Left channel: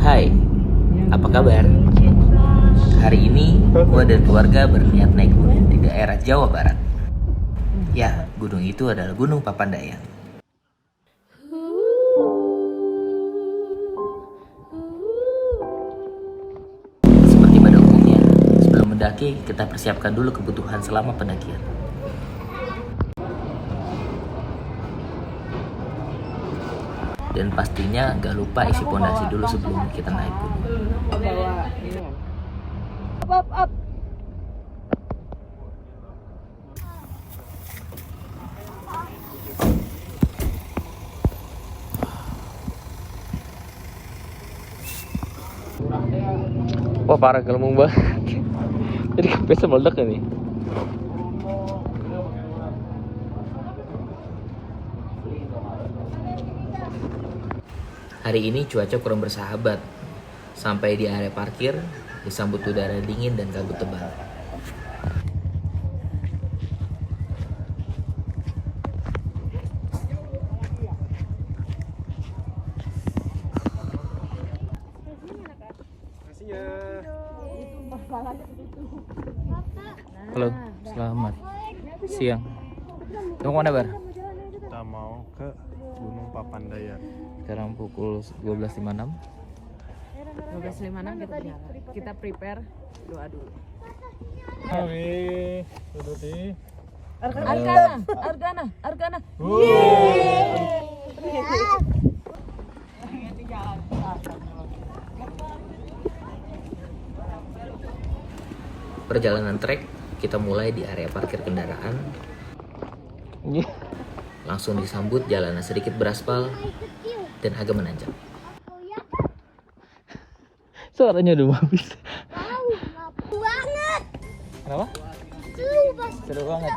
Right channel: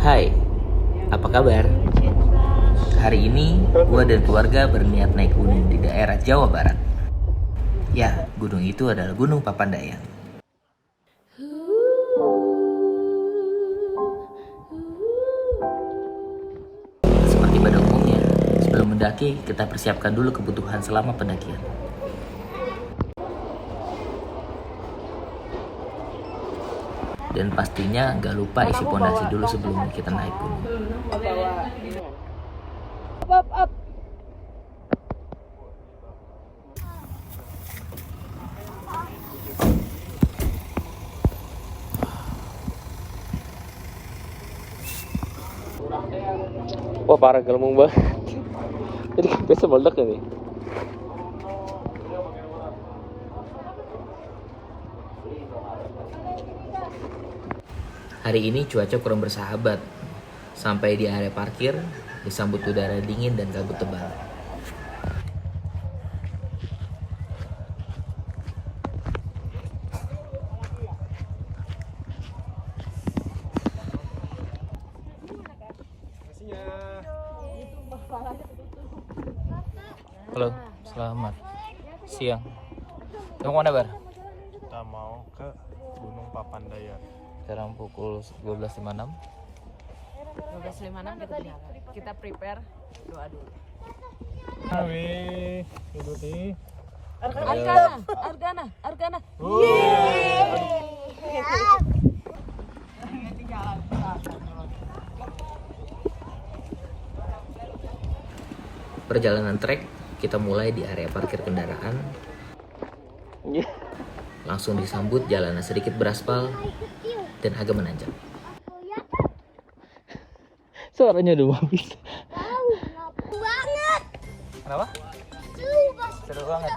Hai, apa kabar? Hari ini gue dan keluarga berniat naik gunung di daerah Jawa Barat. Ya, gunung itu adalah Gunung Papandayan. Seperti pada umumnya, sebelum mendaki kita persiapkan dulu kebutuhan selama pendakian. Dan pastinya gak lupa isi pondasi dulu sebelum kita naik gunung. Wah parah gelembung banget. Jadi kempesnya meledak ini. Hari ini cuaca kurang bersahabat. Sampai di area parkir, disambut udara dingin dan kabut tebal. Halo, selamat siang. Kamu mana Bar? Kita mau ke Gunung Papandayan. Sekarang pukul 12.56. 12.56 kita jalan. Kita prepare doa dulu. Wih, duduk di. Argana. Perjalanan trek kita mulai di area parkir kendaraan. Langsung disambut jalanan sedikit beraspal dan agak menanjak. Suaranya udah habis. Banget. Kenapa? Seru banget.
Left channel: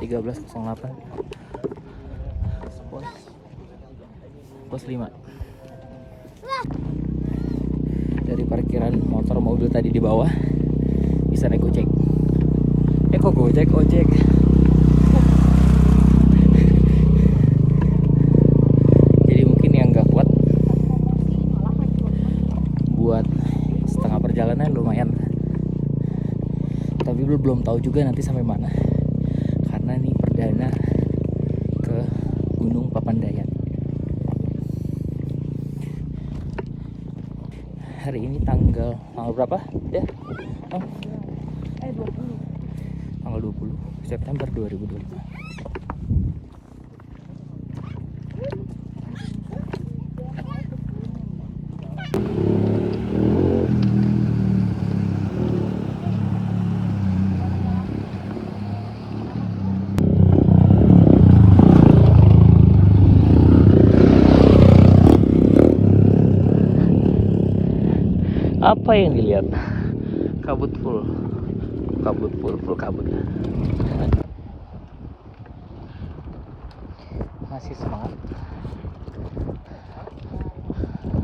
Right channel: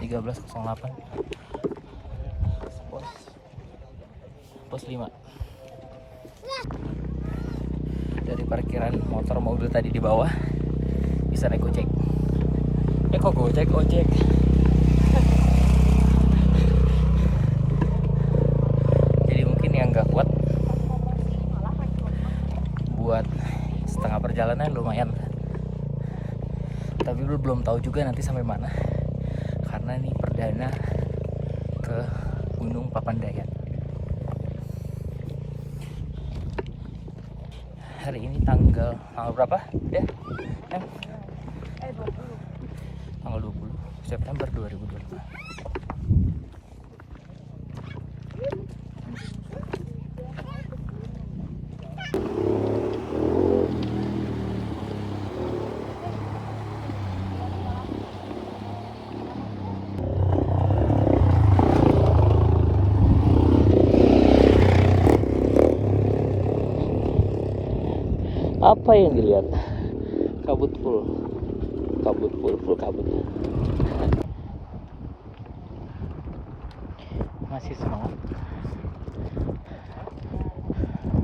Tiga 13.08 pos 5. Dari parkiran motor mobil tadi di bawah bisa naik ojek. Kok ojek? Jadi mungkin yang nggak kuat buat setengah perjalanan lumayan. Tapi belum tahu juga nanti sampai mana. Karena ini perdana ke Gunung Papandayan. Hari ini tanggal berapa? Tanggal 20 September 2025. Apa yang dilihat? Kabut full kabut. Masih semangat.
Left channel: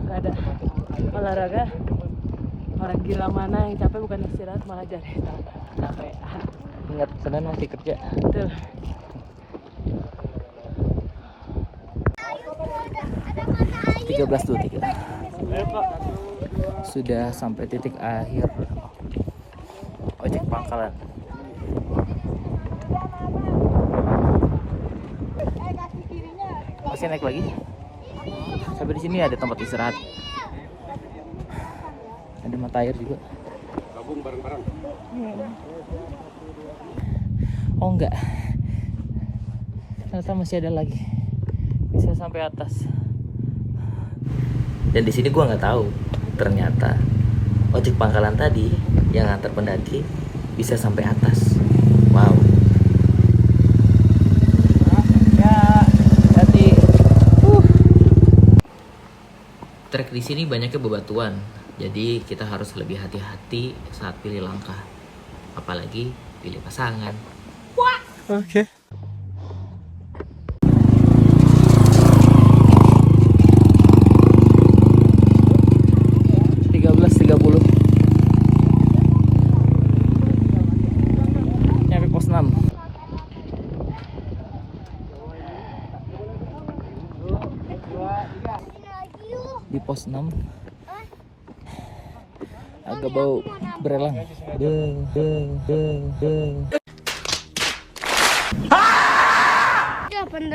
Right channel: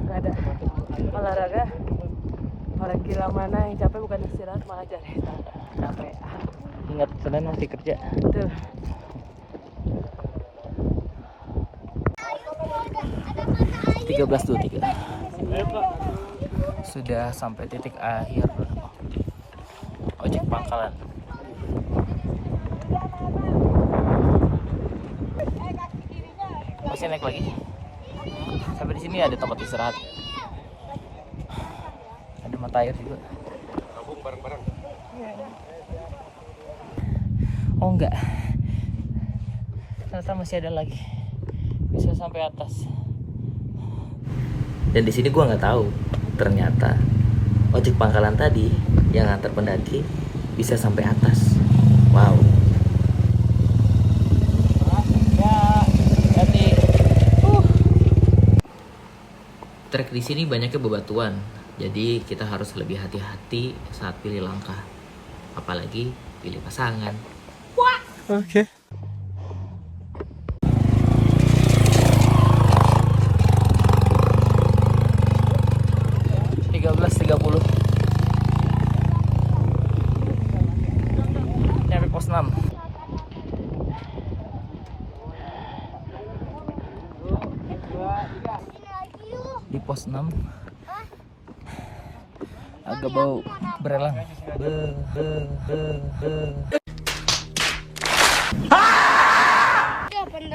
Gak ada olahraga. Orang gila mana yang capek bukan istirahat malah cari capek. Ingat Senin masih kerja. Betul. Tiga 13.23. Sudah sampai titik akhir ojek pangkalan. Masih naik lagi. Sampai di sini ada tempat istirahat. Ada mata air juga. Oh enggak. Ternyata masih ada lagi. Bisa sampai atas. Dan di sini gua nggak tahu, ternyata ojek pangkalan tadi yang antar pendaki bisa sampai atas. Wow. Trek di sini banyaknya bebatuan, jadi kita harus lebih hati-hati saat pilih langkah, apalagi pilih pasangan. Oke. 15.06 agak bau berelang.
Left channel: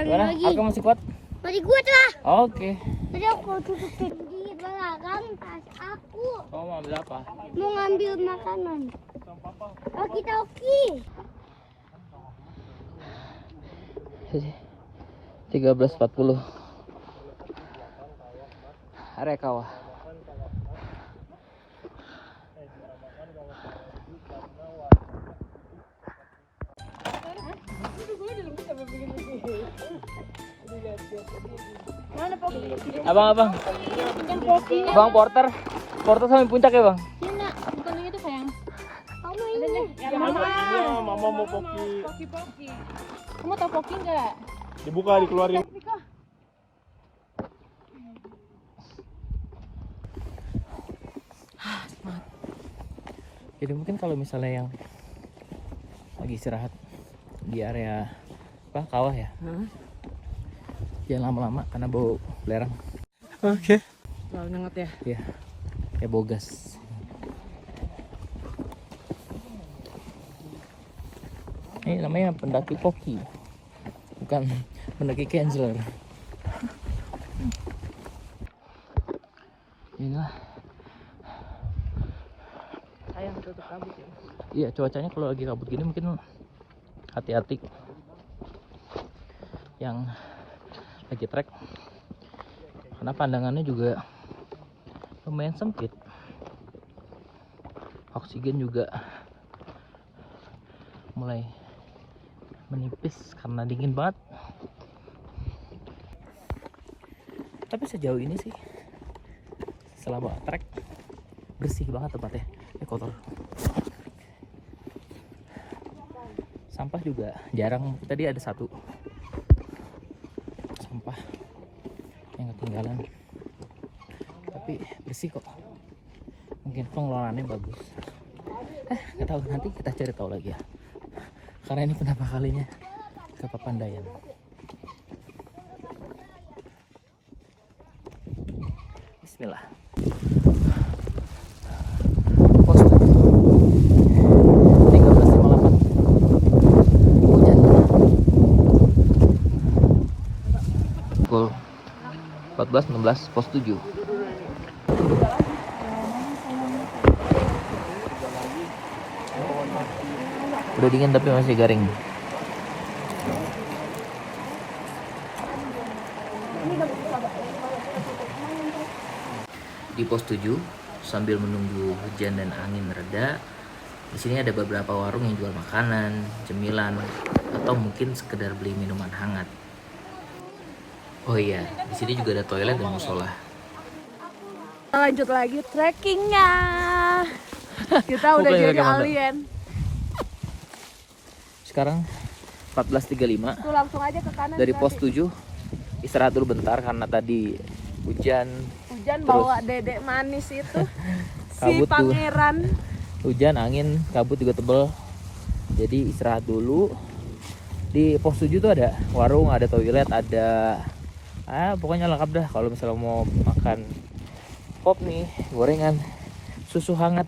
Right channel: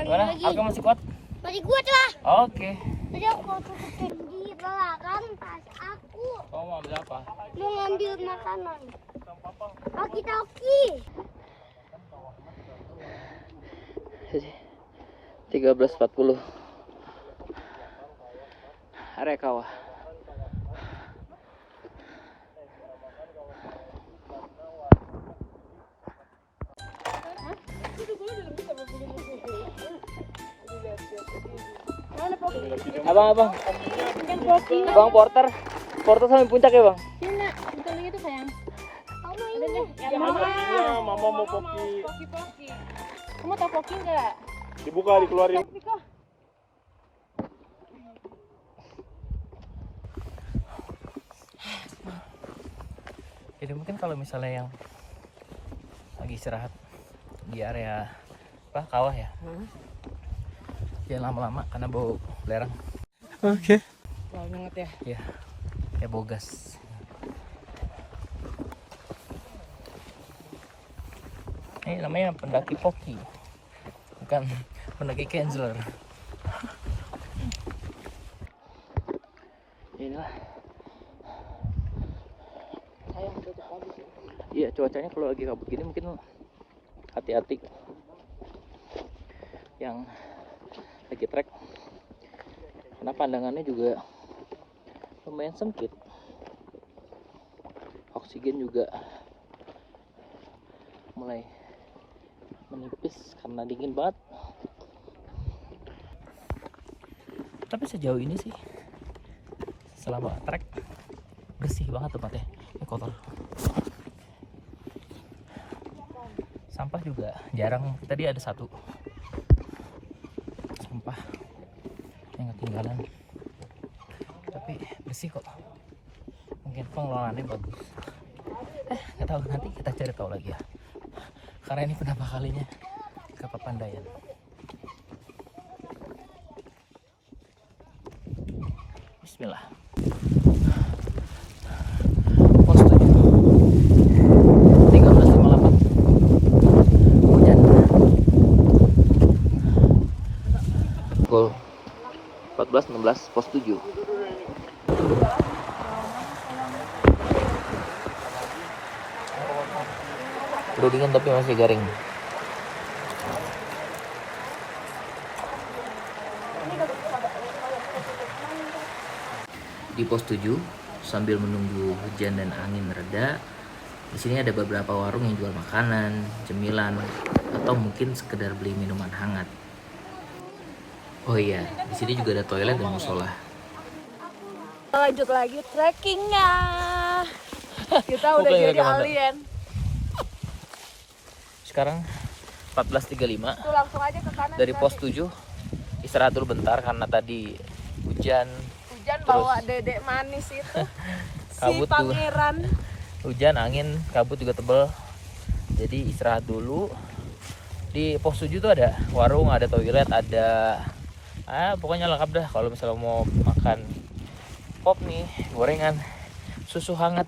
Gimana? Aku masih kuat? Masih kuat lah. Oke. Tadi aku mau tutup di belakang tas aku. Mau ambil apa? Mau ngambil makanan. Oki-toki. 13.40 area kawah. Abang, Bang Porter sampai puncak ya bang? Kamu ini. Mama mau kopi. Dibuka, dikeluarin. Jadi mungkin kalau misalnya yang lagi istirahat di area apa kawah ya, jangan lama-lama karena bau belerang. Oke. Mau nyengat ya. Iya, kayak bogas. Ini namanya pendaki poki, bukan pendaki canceler. Inilah. Iya, cuacanya kalau lagi kabut gini mungkin hati-hati yang lagi trek, karena pandangannya juga lumayan sempit, oksigen juga mulai menipis karena dingin banget. Tapi sejauh ini sih selama trek bersih banget tempatnya, kotor. Sampah juga jarang, tadi ada satu sampah yang ketinggalan, tapi bersih kok. Mungkin pengelolaannya bagus. Nggak tahu, nanti kita cari tahu lagi ya, karena ini pertama kalinya ke Papandayan. Bismillah. Pos 7 13.58. Hujan. Gol 14.16 pos 7. Udah dingin tapi masih garing. Di pos 7 sambil menunggu hujan dan angin reda, di sini ada beberapa warung yang jual makanan, cemilan, atau mungkin sekedar beli minuman hangat. Oh iya, di sini juga ada toilet dan musola. Lanjut lagi trekkingnya. Kita udah Bukan, jadi bukan. alien. Sekarang 14.35 Tuh langsung aja ke kanan. dari pos 7. Istirahat dulu bentar karena tadi hujan. Hujan terus bawa dedek manis itu. Si kabut tuh. pangeran. Hujan, angin, kabut juga tebel. Jadi istirahat dulu. Di pos 7 tuh ada warung, ada toilet, ada pokoknya lengkap dah kalau misalnya mau makan kopi, gorengan, susu hangat.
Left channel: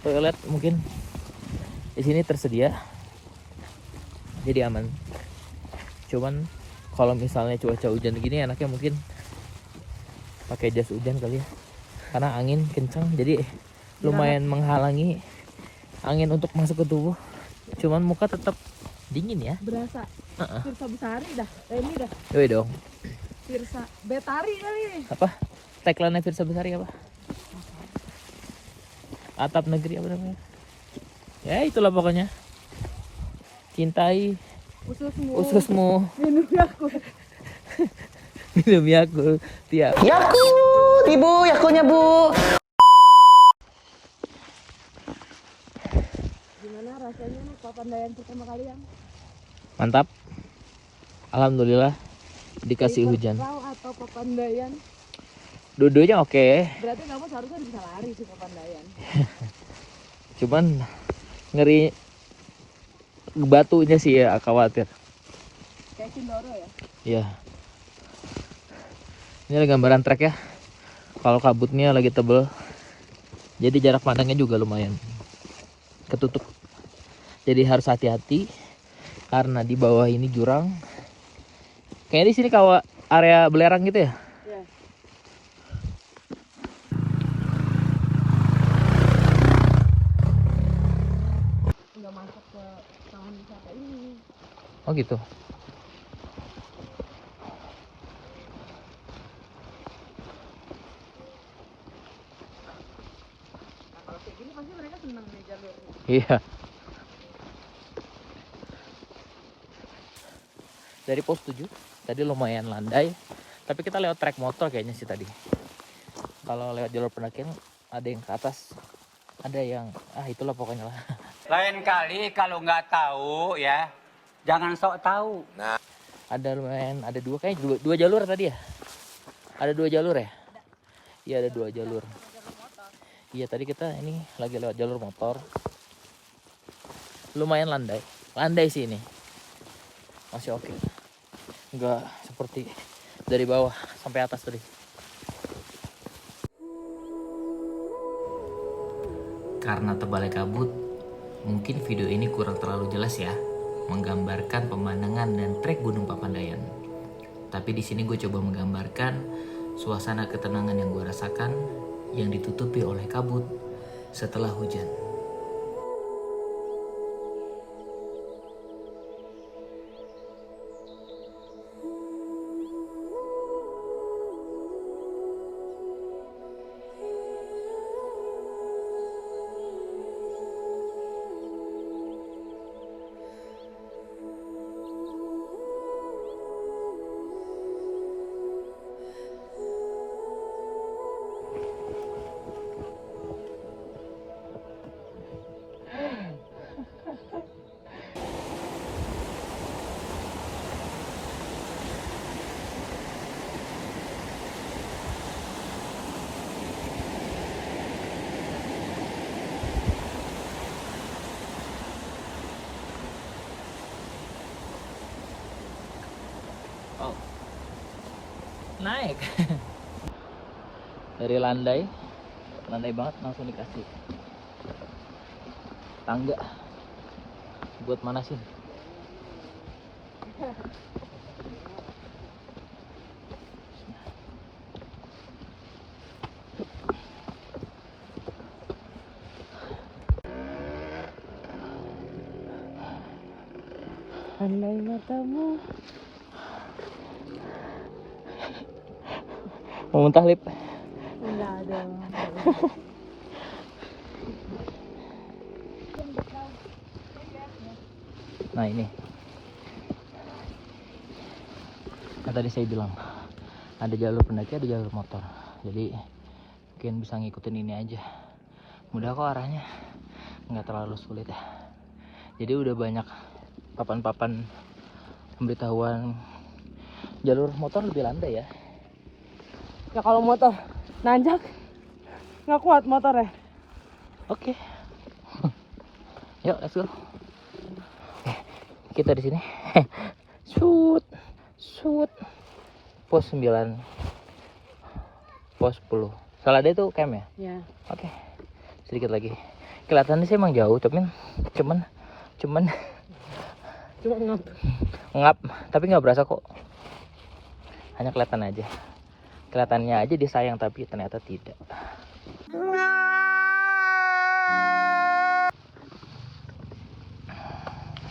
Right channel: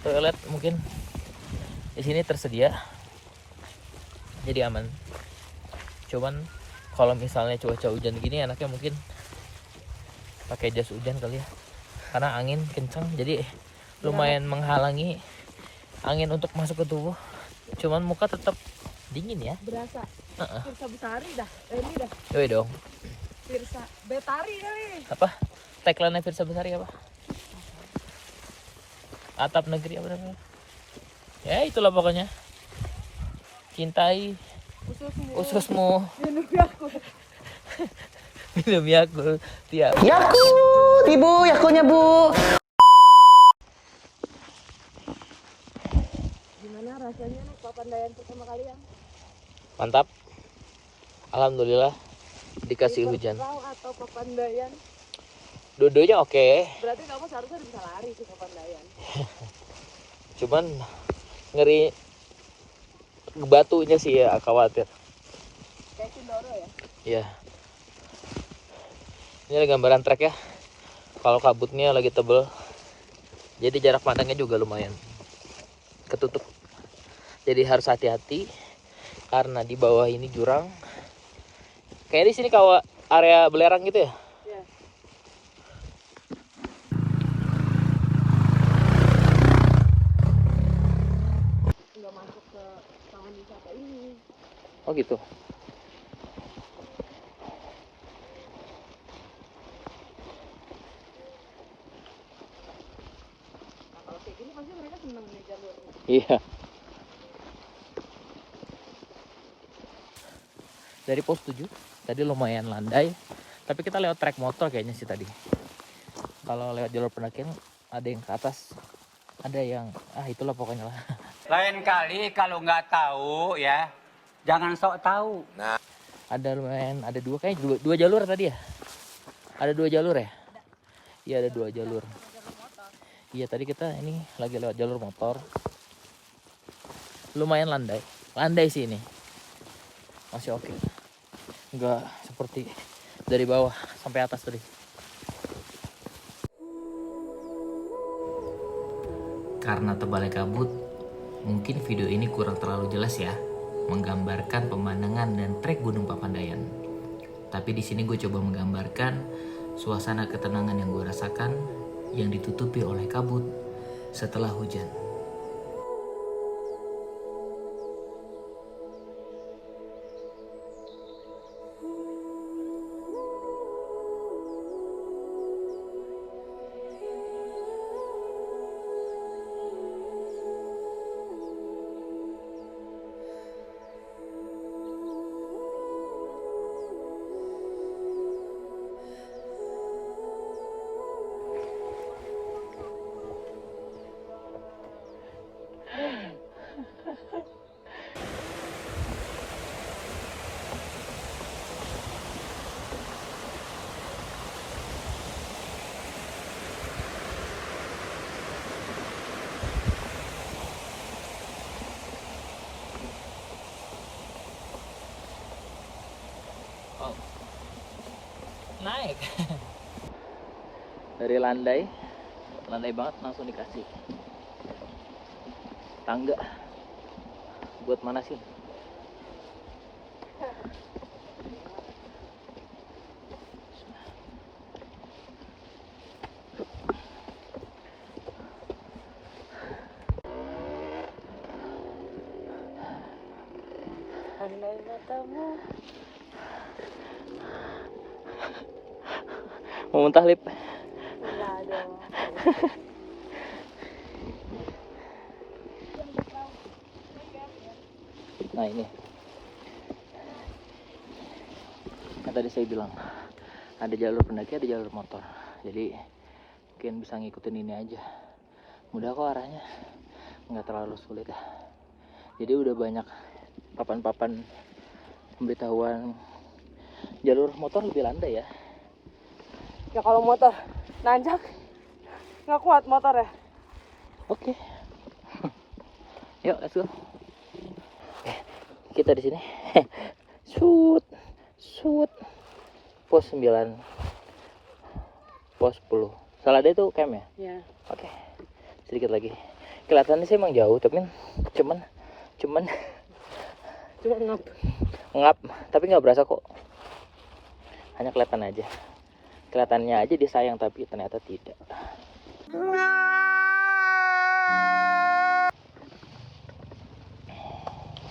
Toilet mungkin di sini tersedia. Jadi aman. Cuman kalau misalnya cuaca hujan gini enaknya mungkin pakai jas hujan kali ya. Karena angin kencang jadi lumayan menghalangi angin untuk masuk ke tubuh. Cuman muka tetap dingin ya. Berasa. Firsa Besari dah. Ini dah. Yoi dong. Firsa Betari kali ini. Apa? Tagline Firsa Besari apa? Atap negeri apa namanya? Ya itulah pokoknya. Cintai Ususmu. ususmu. Minum aku. Minum Yakult tiap. Yakult, ibu, Yakultnya bu. Gimana rasanya nih Papandayan pertama kalian? Mantap. Alhamdulillah dikasih hujan. Kau atau Papandayan? Dua-duanya oke. Berarti kamu seharusnya bisa lari sih Papandayan. Cuman ngeri batunya sih ya, khawatir. Kayak Cindoro ya? Iya. Ini gambaran trek ya. Kalau kabutnya lagi tebel, jadi jarak pandangnya juga lumayan ketutup. Jadi harus hati-hati karena di bawah ini jurang. Kayak di sini kalau area belerang gitu ya. Iya. Udah masuk ke taman wisata ini. Oh gitu. Iya. Dari pos 7 tadi lumayan landai, tapi kita lewat trek motor kayaknya sih tadi. Kalau lewat jalur pendakian ada yang ke atas, ada yang itulah pokoknya lah. Lain kali kalau nggak tahu ya, jangan sok tahu. Ada lumayan, ada dua kayaknya dua jalur tadi ya. Ada 2 jalur ya? Iya ada 2 jalur. Iya tadi kita ini lagi lewat jalur motor. Lumayan landai sih ini. Masih oke. Enggak seperti dari bawah sampai atas tadi. Karena tebalnya kabut, mungkin video ini kurang terlalu jelas ya, menggambarkan pemandangan dan trek Gunung Papandayan. Tapi di sini gue coba menggambarkan suasana ketenangan yang gue rasakan yang ditutupi oleh kabut setelah hujan. Naik. Dari landai banget langsung dikasih tangga. Buat mana sih? Andai matamu. Mau muntah lip. Enggak dong. Nah ini. Yang tadi saya bilang ada jalur pendaki, ada jalur motor. Jadi mungkin bisa ngikutin ini aja. Mudah kok arahnya, nggak terlalu sulit ya. Jadi udah banyak papan-papan pemberitahuan. Jalur motor lebih landai ya. Ya kalau motor nanjak nggak kuat motor ya. Oke. Yuk, let's go. Kita di sini. Shoot. Pos 9. Pos 10. Salah deh itu camp ya? Ya. Oke. Sedikit lagi. Kelihatannya sih emang jauh, tapi cuman ngap, tapi nggak berasa kok. Hanya kelihatan aja. Kelihatannya aja disayang, tapi ternyata tidak.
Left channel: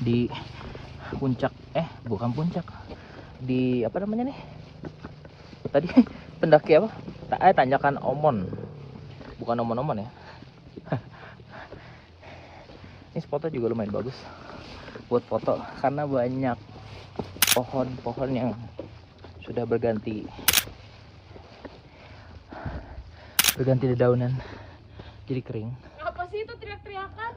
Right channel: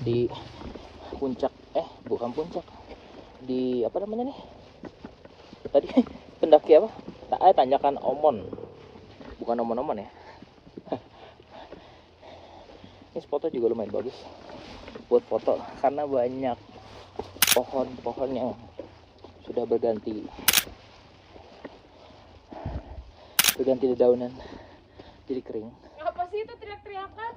Di puncak, bukan puncak, di apa namanya nih tadi pendaki apa, tanjakan Omon, bukan Omon-Omon ya. Ini spotnya juga lumayan bagus buat foto karena banyak pohon-pohon yang sudah berganti dedaunan jadi kering. Apa sih itu teriak-teriakan?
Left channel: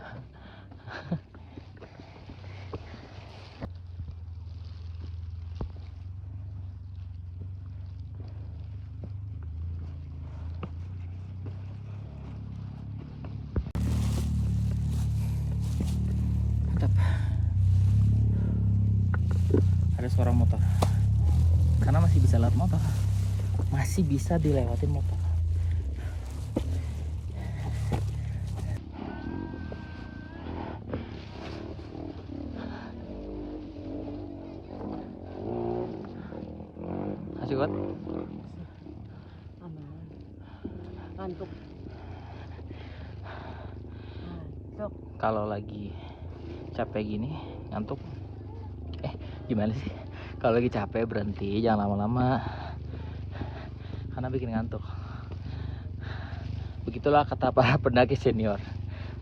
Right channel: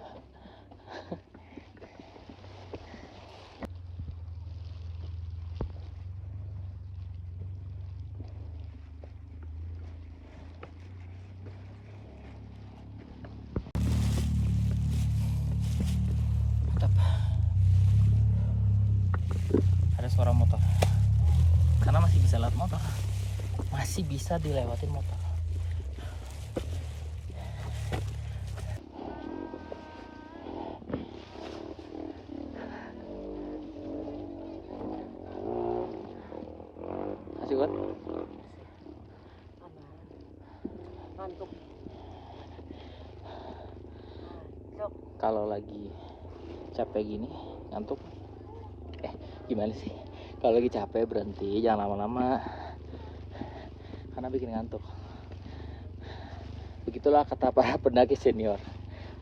Mantap. Ada suara motor karena masih bisa lewat motor, masih bisa dilewatin motor. toilet? Aman. Ngantuk. Ngantuk. Kalau lagi capek gini ngantuk, gimana sih? Kalau lagi capek berhenti, jangan lama-lama karena bikin ngantuk. Begitulah kata para pendaki senior,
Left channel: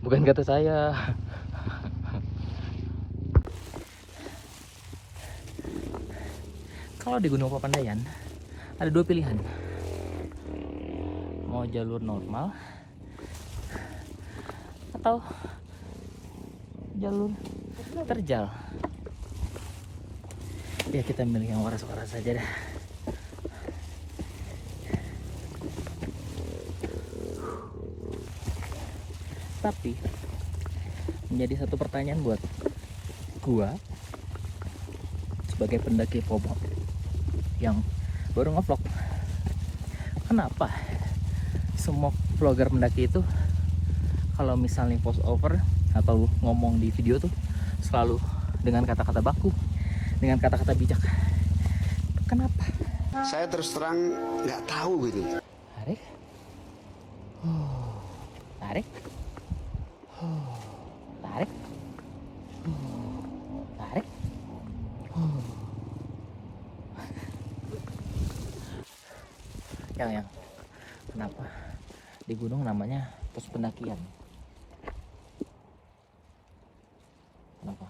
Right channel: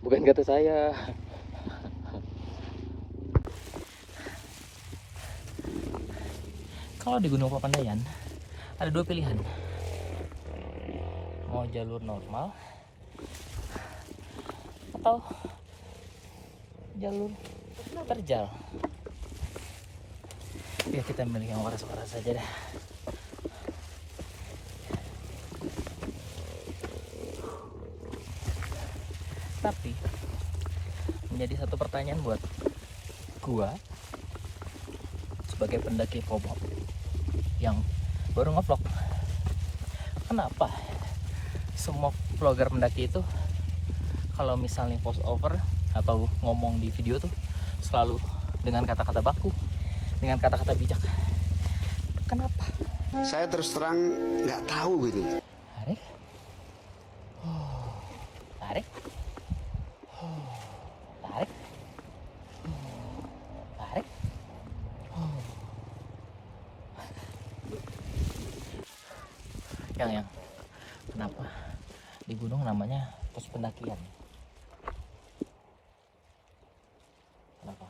bukan kata saya. Kalau di Gunung Papandayan ada dua pilihan, mau jalur normal atau jalur terjal. Ya kita milih yang waras-waras saja dah. Tapi menjadi satu pertanyaan buat gua sebagai pendaki pop-up yang baru ngevlog, kenapa semua vlogger pendaki itu kalau misalnya post over atau ngomong di video tuh selalu dengan kata-kata baku, dengan kata-kata bijak? Kenapa? Saya terus terang nggak tahu gitu. Tarik, tarik, tarik, tarik. Yang kenapa di gunung namanya pos pendakian? Kenapa?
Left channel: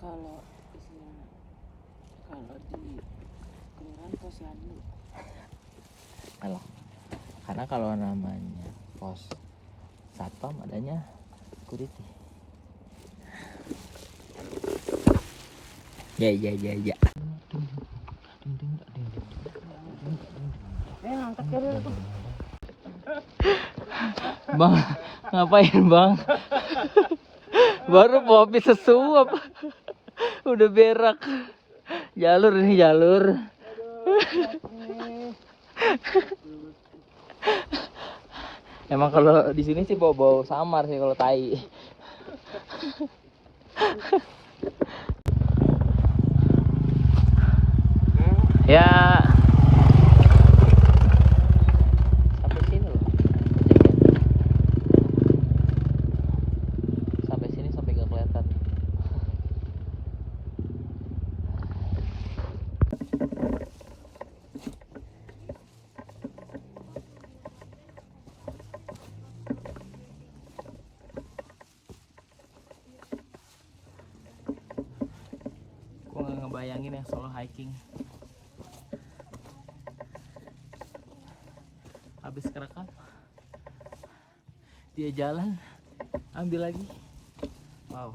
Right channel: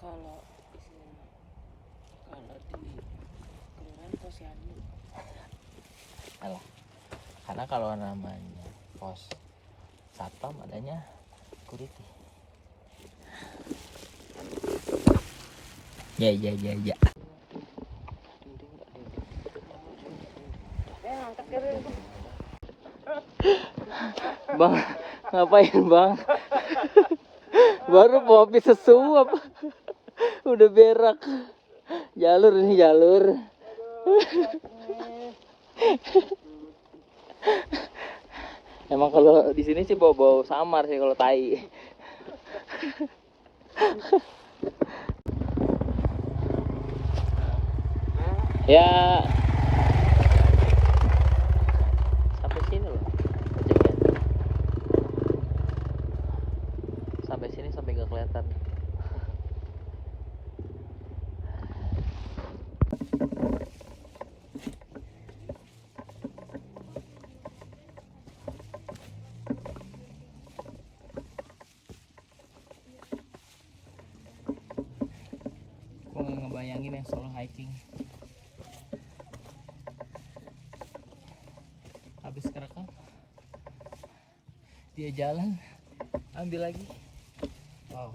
Kalau di sini, kalau di kelurahan Posyandu. Karena kalau namanya pos satpam adanya security. Ya. Angkat kiri. Bang, ngapain bang? Baru kopi sesuap, udah berak. Jalur ini jalur. Emang kalau di sini sih bau-bau samar sih kalau tai. Ya. Sampai sini loh. Sampai sini sampai nggak kelihatan. Gua nggak ngebayangin yang solo hiking. Habis kerekam, dia jalan, ambil lagi. Wow.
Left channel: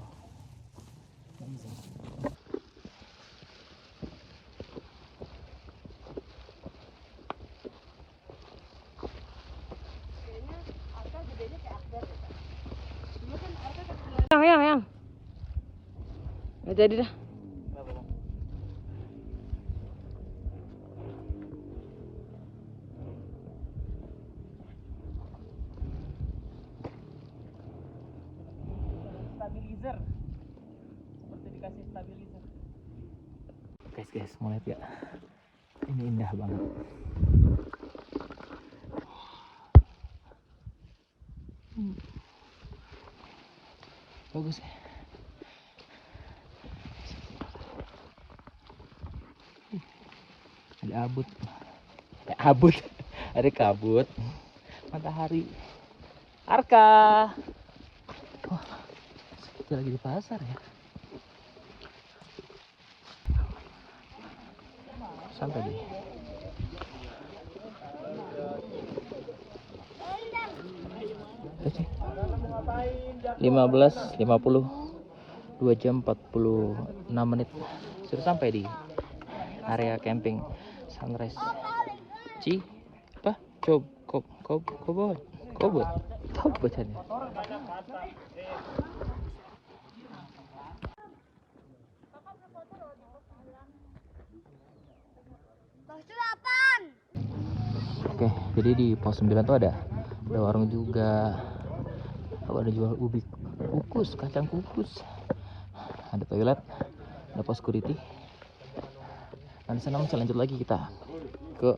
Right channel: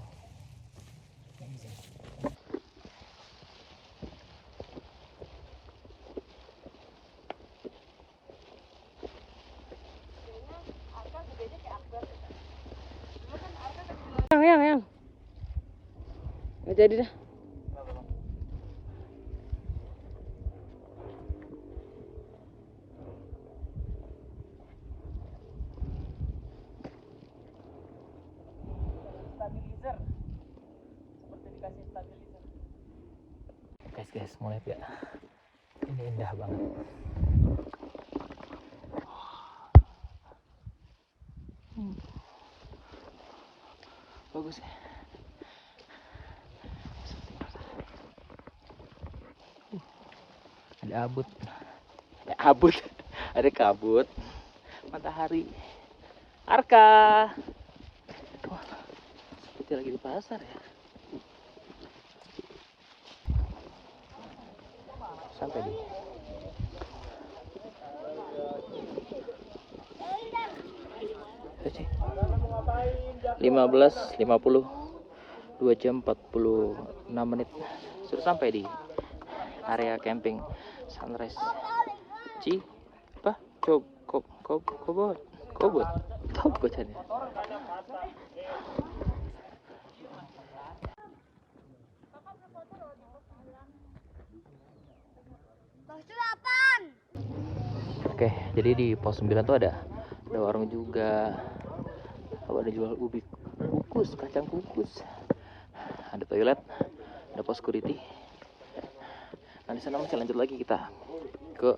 Yang. Udah jadi dah. Guys, mau lihat ya? Ini indah banget. Bagus ya. Ada abut, ada kabut, matahari. Arka, wah, seperti lagi di pasar ya. Sampai nih. Cek. 15:50, 2 jam 46 menit sudah sampai di area camping Sunrise Kobot bacanya. Oke, jadi di pos 9 tuh ada warung juga. Ada jual ubi kukus, kacang kukus. Ada toilet, ada pos security. Nah, di sana masih lanjut lagi kita. ke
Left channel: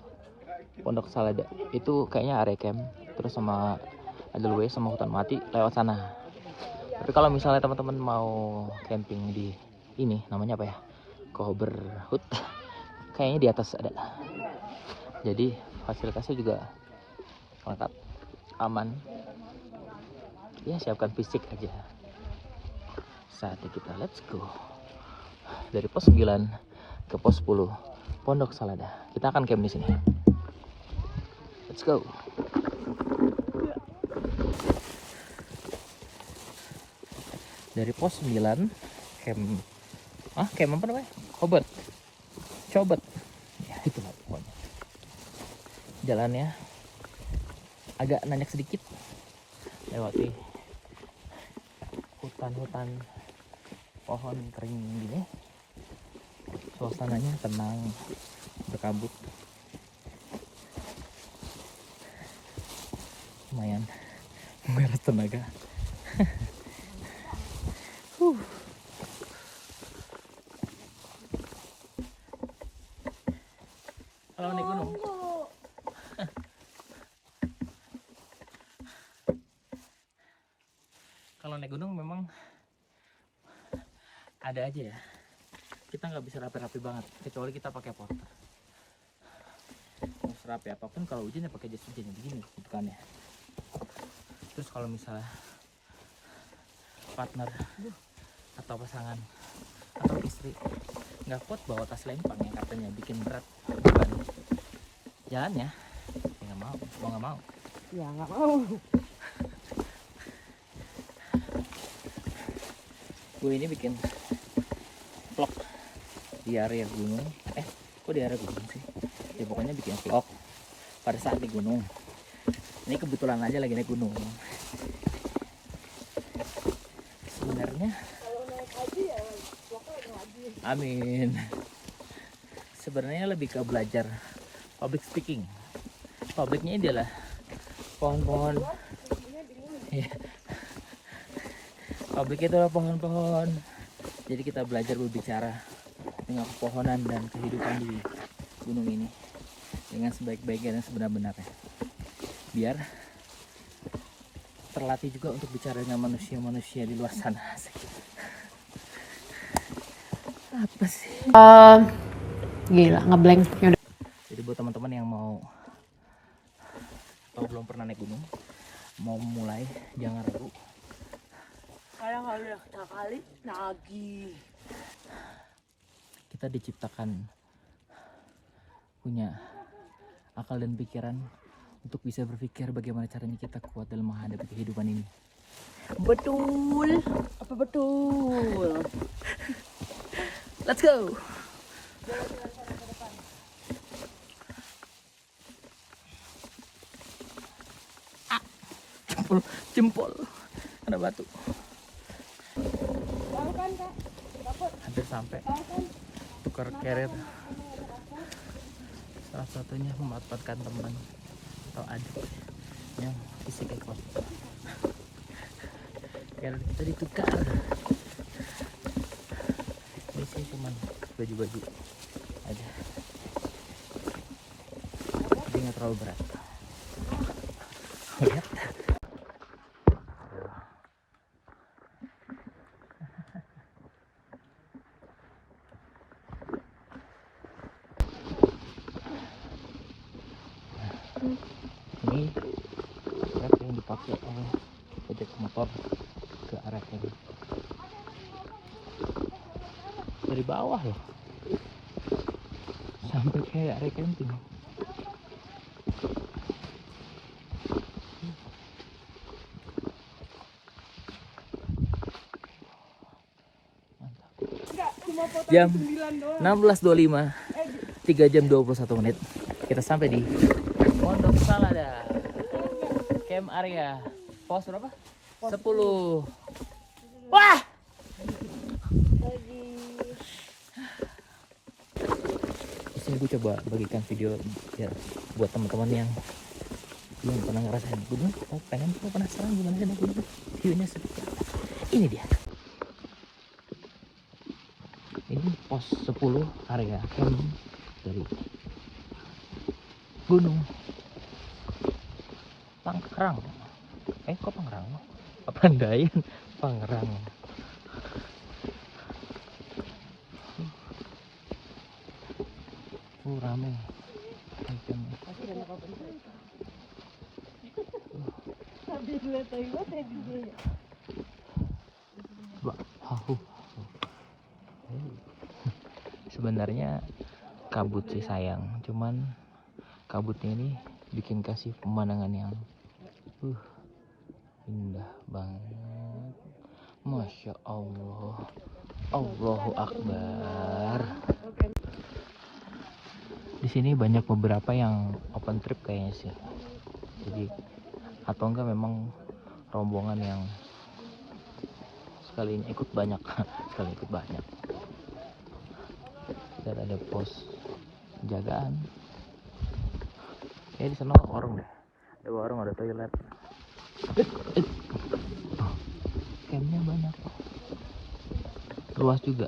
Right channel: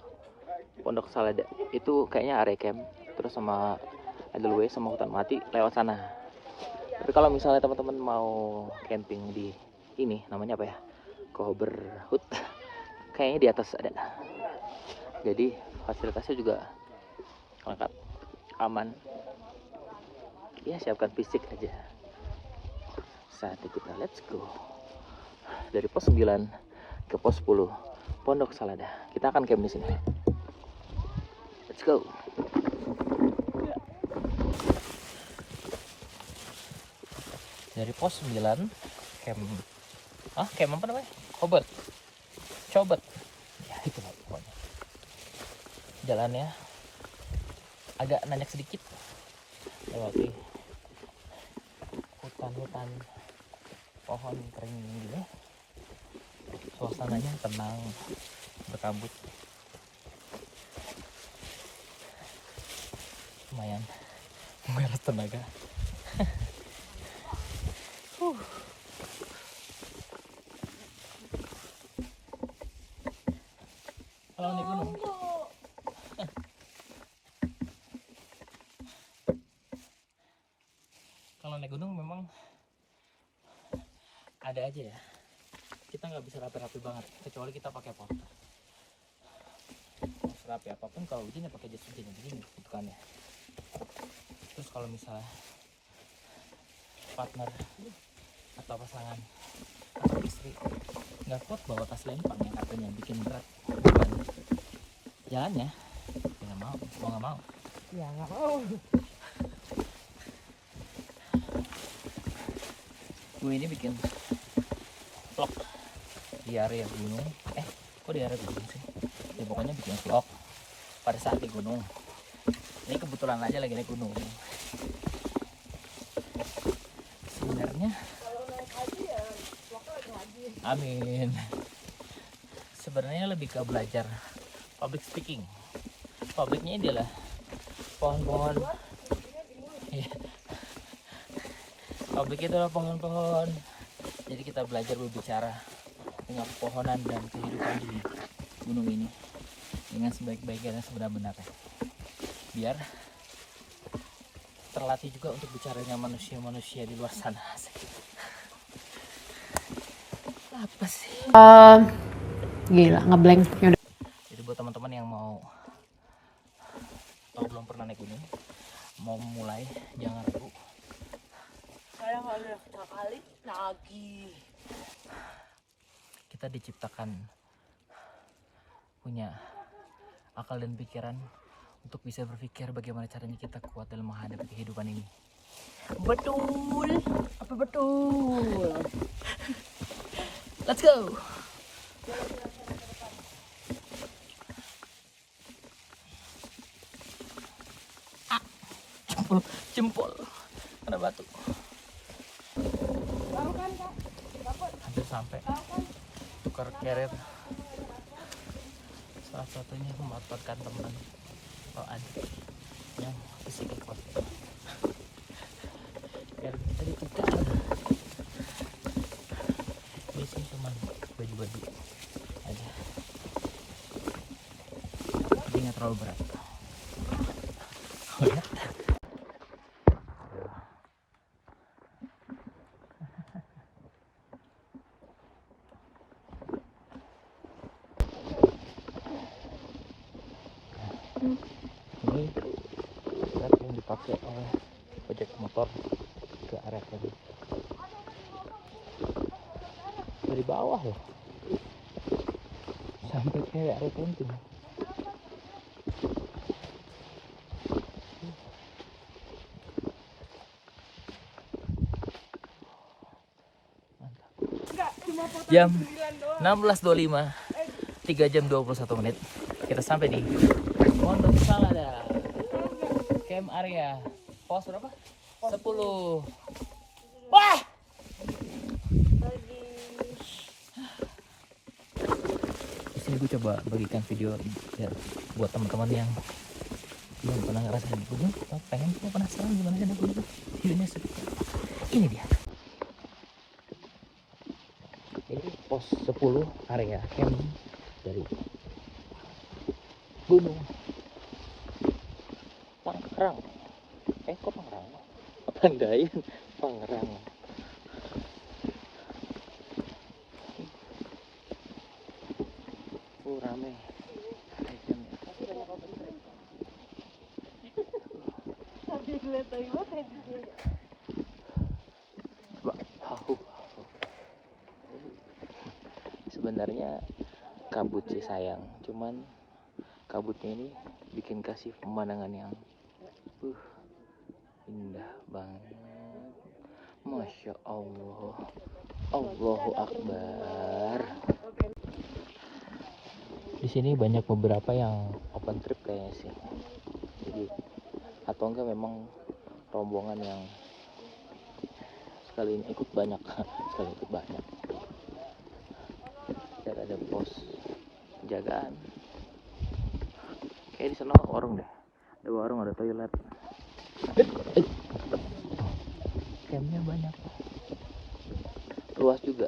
Pondok Salada. Itu kayaknya area camp, terus sama Edelweiss sama hutan mati lewat sana. Tapi kalau misalnya teman-teman mau camping di ini namanya apa ya, Coberhut, kayaknya di atas ada. Jadi fasilitasnya juga lengkap, aman. Ya siapkan fisik aja. Saatnya kita let's go dari pos 9 ke pos 10 Pondok Salada. Kita akan camp di sini. Let's go. Dari pos 9 camp camp apa namanya? Cobet. Ya itu lah pokoknya. Jalannya agak nanjak sedikit. Lewati hutan pohon kering gini. Suasananya tenang, berkabut. Lumayan menguras tenaga. Kalau naik gunung kalau naik gunung memang ada aja ya, kita nggak bisa rapi-rapi banget kecuali kita pakai porter. Serapi apapun kalau hujan ya pakai jas hujan begini gitu kan ya. Terus kalau misalnya partner atau pasangan atau istri nggak kuat bawa tas lempang yang katanya bikin berat beban jalannya, ya nggak mau nggak mau. Ya nggak mau. Gue ini bikin vlog di area gunung. Kok di area gunung sih? Ya pokoknya bikin vlog pada saat di gunung. Ini kebetulan aja lagi naik gunung. Sebenarnya amin. Sebenarnya lebih ke belajar public speaking. Publiknya ini adalah pohon-pohon. Ya. Publik itu adalah pohon-pohon. Jadi kita belajar berbicara dengan pepohonan dan kehidupan di gunung ini dengan sebaik-baiknya dan sebenar-benarnya. Biar terlatih juga untuk bicara dengan manusia-manusia di luar sana. Apa sih? Gila, ngeblank. Yaudah. Jadi buat teman-teman yang mau atau belum pernah naik gunung, mau mulai jangan ragu. Kadang udah sekali lagi. Kita diciptakan punya akal dan pikiran untuk bisa berpikir bagaimana caranya kita kuat dalam menghadapi kehidupan ini. Betul. Apa betul? Let's go. Jempol kena batu. Hampir sampai tukar keret. Salah satunya memanfaatkan teman atau adik yang isi ekor. Keret kita ditukar. Ini sih cuman baju-baju aja. Jadi nggak terlalu berat. Lihat. Ini trek yang dipakai oleh ojek motor ke arah tadi. Dari bawah loh sampai ke area camping. Jam 16.25, 3 jam 21 menit kita sampai di Pondok Salada camp area pos berapa? 10. Wah! Di sini gue coba bagikan video ya buat teman-teman yang belum pernah ngerasain gunung atau pengen penasaran gimana sih naik gunung. Videonya seperti apa? Ini dia. Ini pos 10 area camp dari gunung Pangrango. Kok Pangrango? Papandayan, Pangrango. Rame. Sebenarnya kabut sih sayang, cuman kabutnya ini bikin kasih pemandangan yang indah banget. Masya Allah, Allahu Akbar. Di sini banyak beberapa yang open trip kayaknya sih. Jadi atau enggak memang rombongan yang sekali ini ikut banyak, sekali ikut banyak. Dan ada pos penjagaan. Kayak di sana warung deh. Ada warung, ada toilet. Campnya banyak. Luas juga,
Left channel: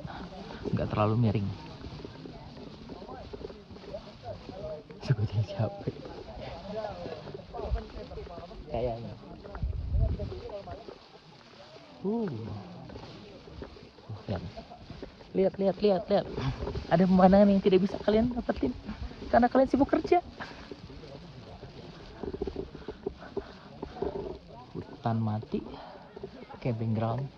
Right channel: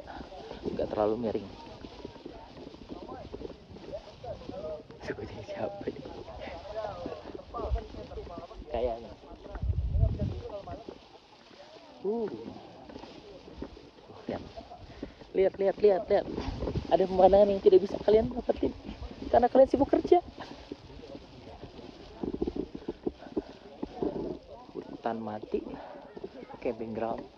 nggak terlalu miring. Sebutin siapa ini? Kayaknya. Lihat. Ada pemandangan yang tidak bisa kalian dapetin karena kalian sibuk kerja. Hutan mati, camping ground,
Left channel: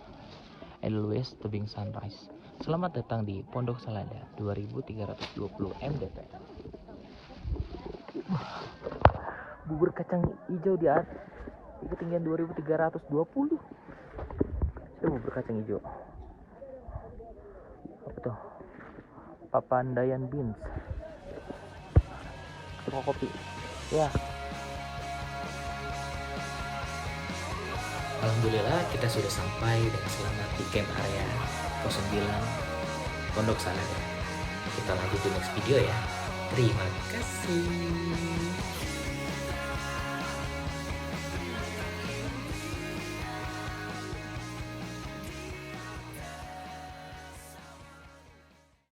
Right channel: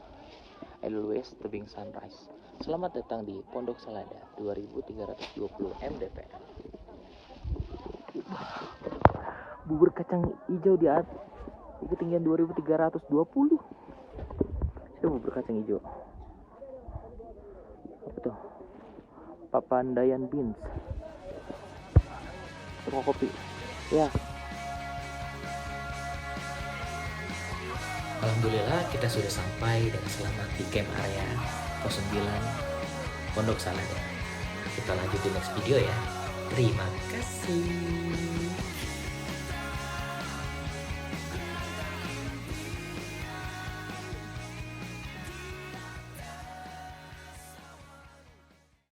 Edelweiss Tebing Sunrise. Selamat datang di Pondok Selada 2320 mdpl. Bubur kacang hijau di ketinggian 2320. Itu bubur kacang hijau. Apa tuh? Papandayan Beans. Sama kopi. Ya. Alhamdulillah kita sudah sampai dengan selamat di camp area pos 9 Pondok Salada. Kita lanjut di next video ya. Terima kasih.